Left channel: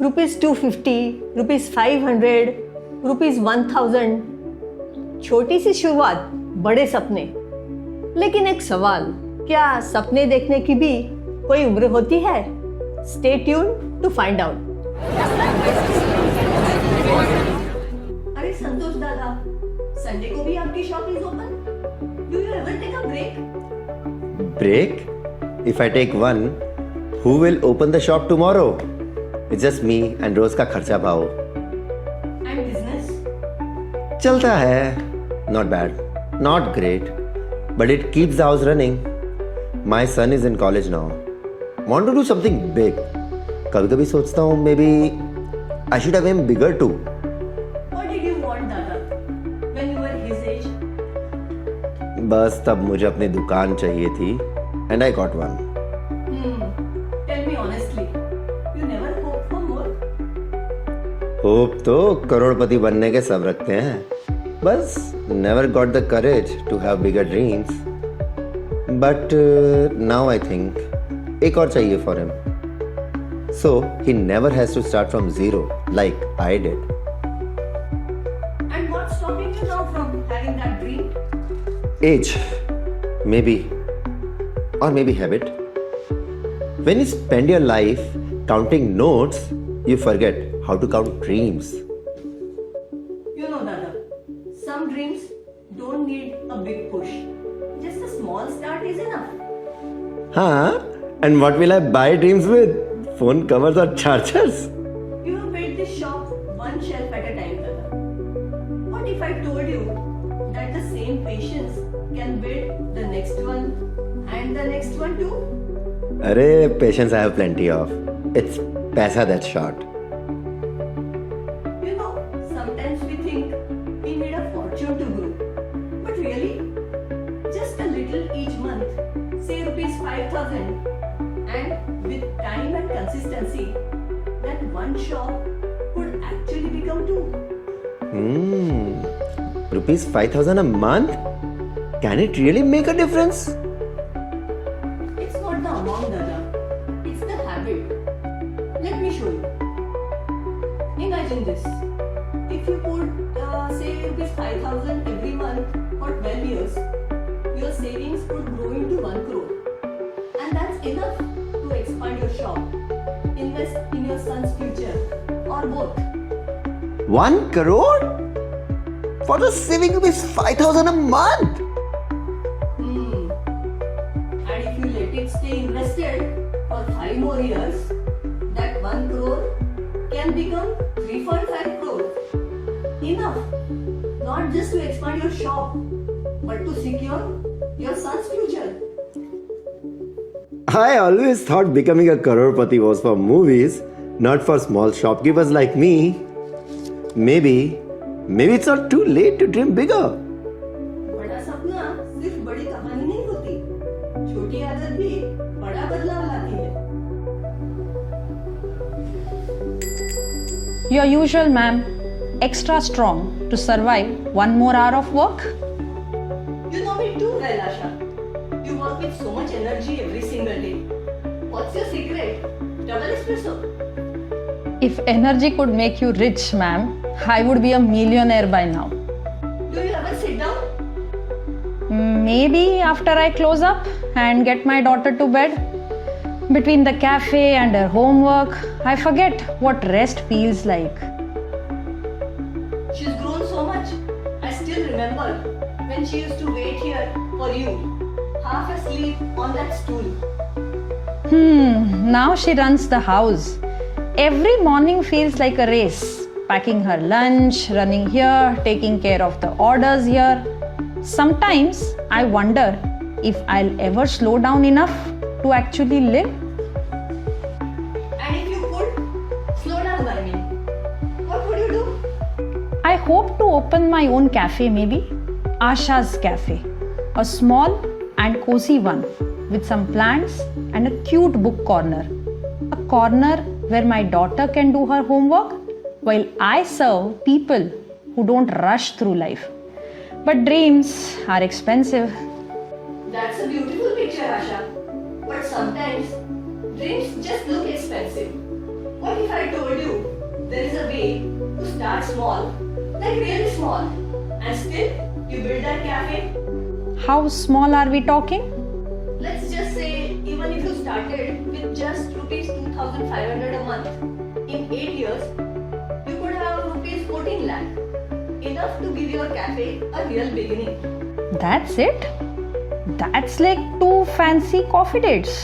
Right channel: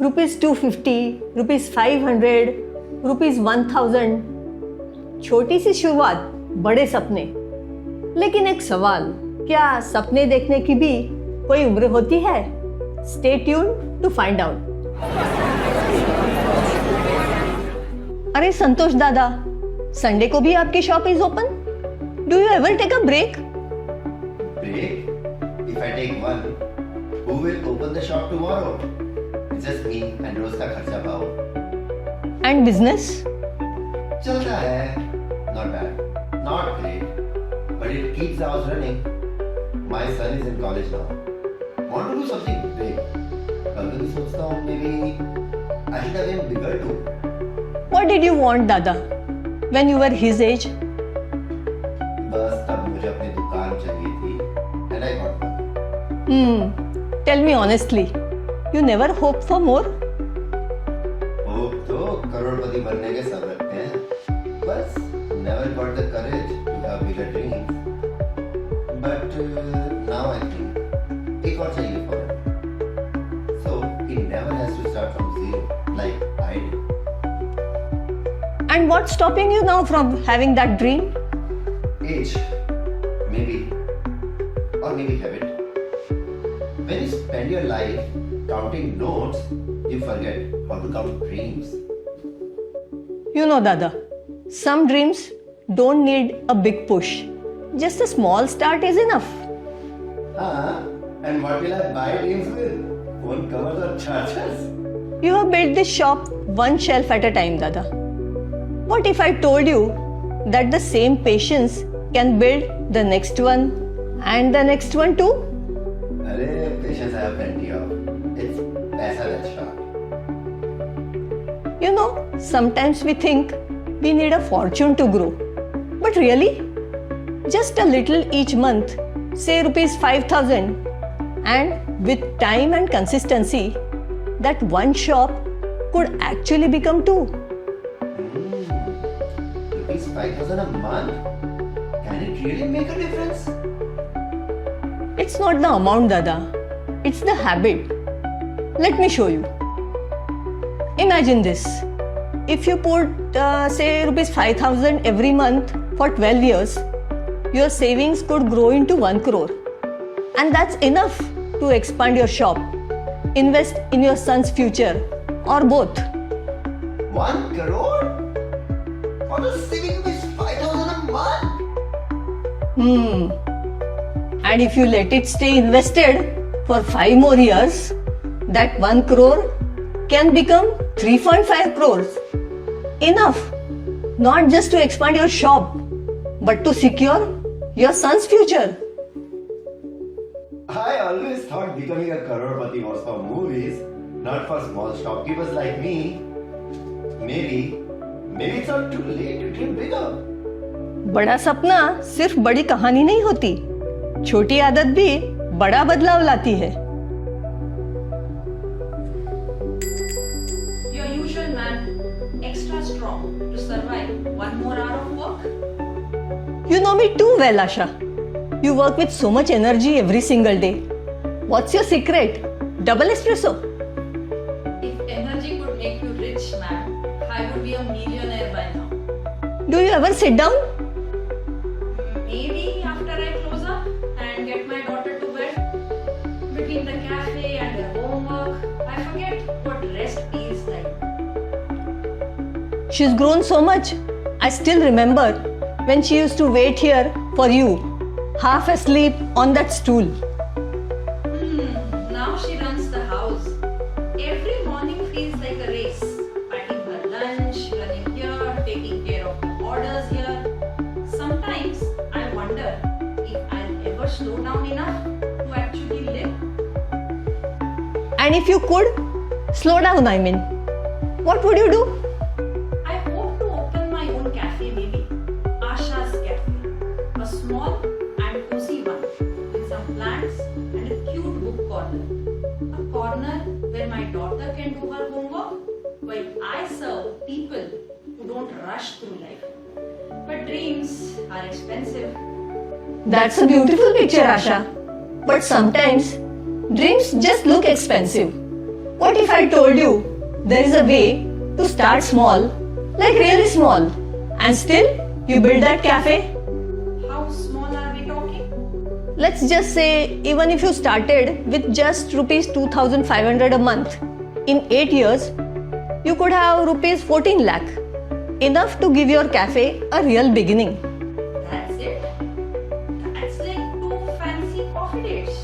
₹250, ₹500, ₹1000। छोटी सी शुरुआत, बड़े सपने। लेकिन एक सवाल, क्या सपने देखने की भी कोई उम्र होती है? Stay tuned to find out. अरे संतोष दादा, संडे को भी आपकी shop is open? Do you ever take a break? Break? If I take one, who will open the shop tomorrow? It's just me and रोज का खर्चा पाओ। And business? चलता है, not bad, not great, but it keeps the house running. My son is in college now. Want to do something big. कभी-कभी सोचता हूँ maybe I should have aimed bigger too. What did you want, दादा, when you were his age? बस तब मुझे अपनी दुकान चाहिए थी and I got one. Tell me honestly, you never hoped for more? Hope तो करोड़पति बनने के सब रखते हैं, बस never got the courage to have bigger dreams. But now I think एक और चाहिए for him. So he never has to start from zero like I did. And what's stopping you now from having that dream? Age, maybe, or maybe habit. When you spend your life counting notes, you forget how to count dreams. You know, Dada, some dreams don't need a big push. Just a small start is enough. Huh? And what will I buy dreams with? Phone covers or chargers? You have built this shop one shelf at a time, Dada. What if I told you that the same patience can build the next one and the next one too? Arey, patience I have plenty of. It's paisa that's short. You know, sometimes we think we need a fortune to grow. But really, just a little each month, say ₹5,000, and with time and consistency, that one shop could actually become two. Rupees 5,000 a month? Can it really make a difference? It's not the amount, Dada. It's the habit. Let me show you. Imagine this. If you put, say, ₹5,000 every month for 12 years, your savings could grow into 1 crore. And that's enough to expand your shop, invest in your son's future, or both. 1 crore? For the saving rupees 5,000 a month? And if you let it stay invested for 5 more years, that 1 crore can become 3.5 crores. Enough, not just to expand your shop, but to secure your son's future. I always thought becoming a crorepati was for movies, not for small shopkeepers like me. Maybe it's not too late to dream bigger. बड़ा सपना सिर्फ बड़ी कहानी नहीं होती, छोटी आदत भी बड़ा बदलाव लाती है। Your usual, ma'am. Extra strong to survive one more hour of work? You know me too well, Asha. You work with so much energy every single day. What's your secret? Double espresso? If energy could make you rich, ma'am, I would be a millionaire by now. Do you ever sit down? Maybe after I close up and get my daughter to bed. Between the cafe and her homework, I forget what rest feels like. She's grown so much. I still remember when she used to wait here for you, half asleep on that stool. Now she runs the house. Every morning feels like a race. Packing her lunch, running here, taking care of the orders here. Sometimes I wonder if I'll ever slow down enough to actually live. And if you could, slow down, I mean, what would you do? I hope to open my own cafe, maybe. Asha's Cafe. A small and cozy one with some plants and a cute book corner. A corner where my daughter can do her homework while I serve people who don't rush through life. But dreams are expensive. That's a beautiful picture, Asha. But sometimes dreams just look expensive. What if I told you there is a way to start small, like really small, and still you build that cafe? How small are we talking? Let's just say even if you started with just rupees 2,500 a month, in 8 years you could have rupees 14 lakh, enough to give your cafe a real beginning. That's it? That's like 2 fancy coffee dates.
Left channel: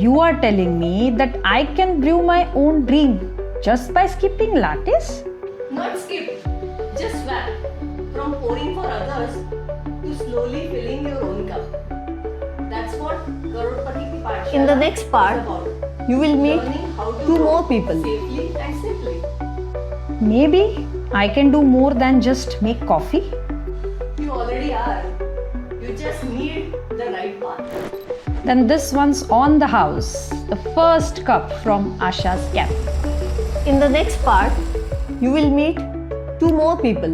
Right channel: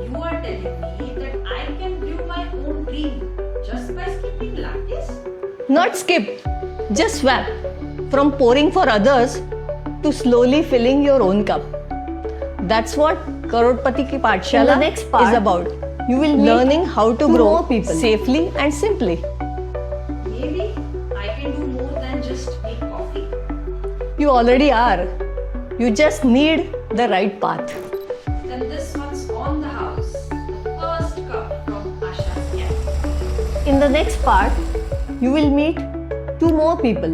You are telling me that I can brew my own dream just by skipping lattes? Not skip, just swap from pouring for others to slowly filling your own cup. That's what Karodpati Ki Pathshala In the next part, is about. you will meet Learning how to 2 grow more people. safely and simply. Maybe I can do more than just make coffee. You already are. You just need the right path. Then this one's on the house. The first cup from Asha's Cafe. In the next part, you will meet 2 more people.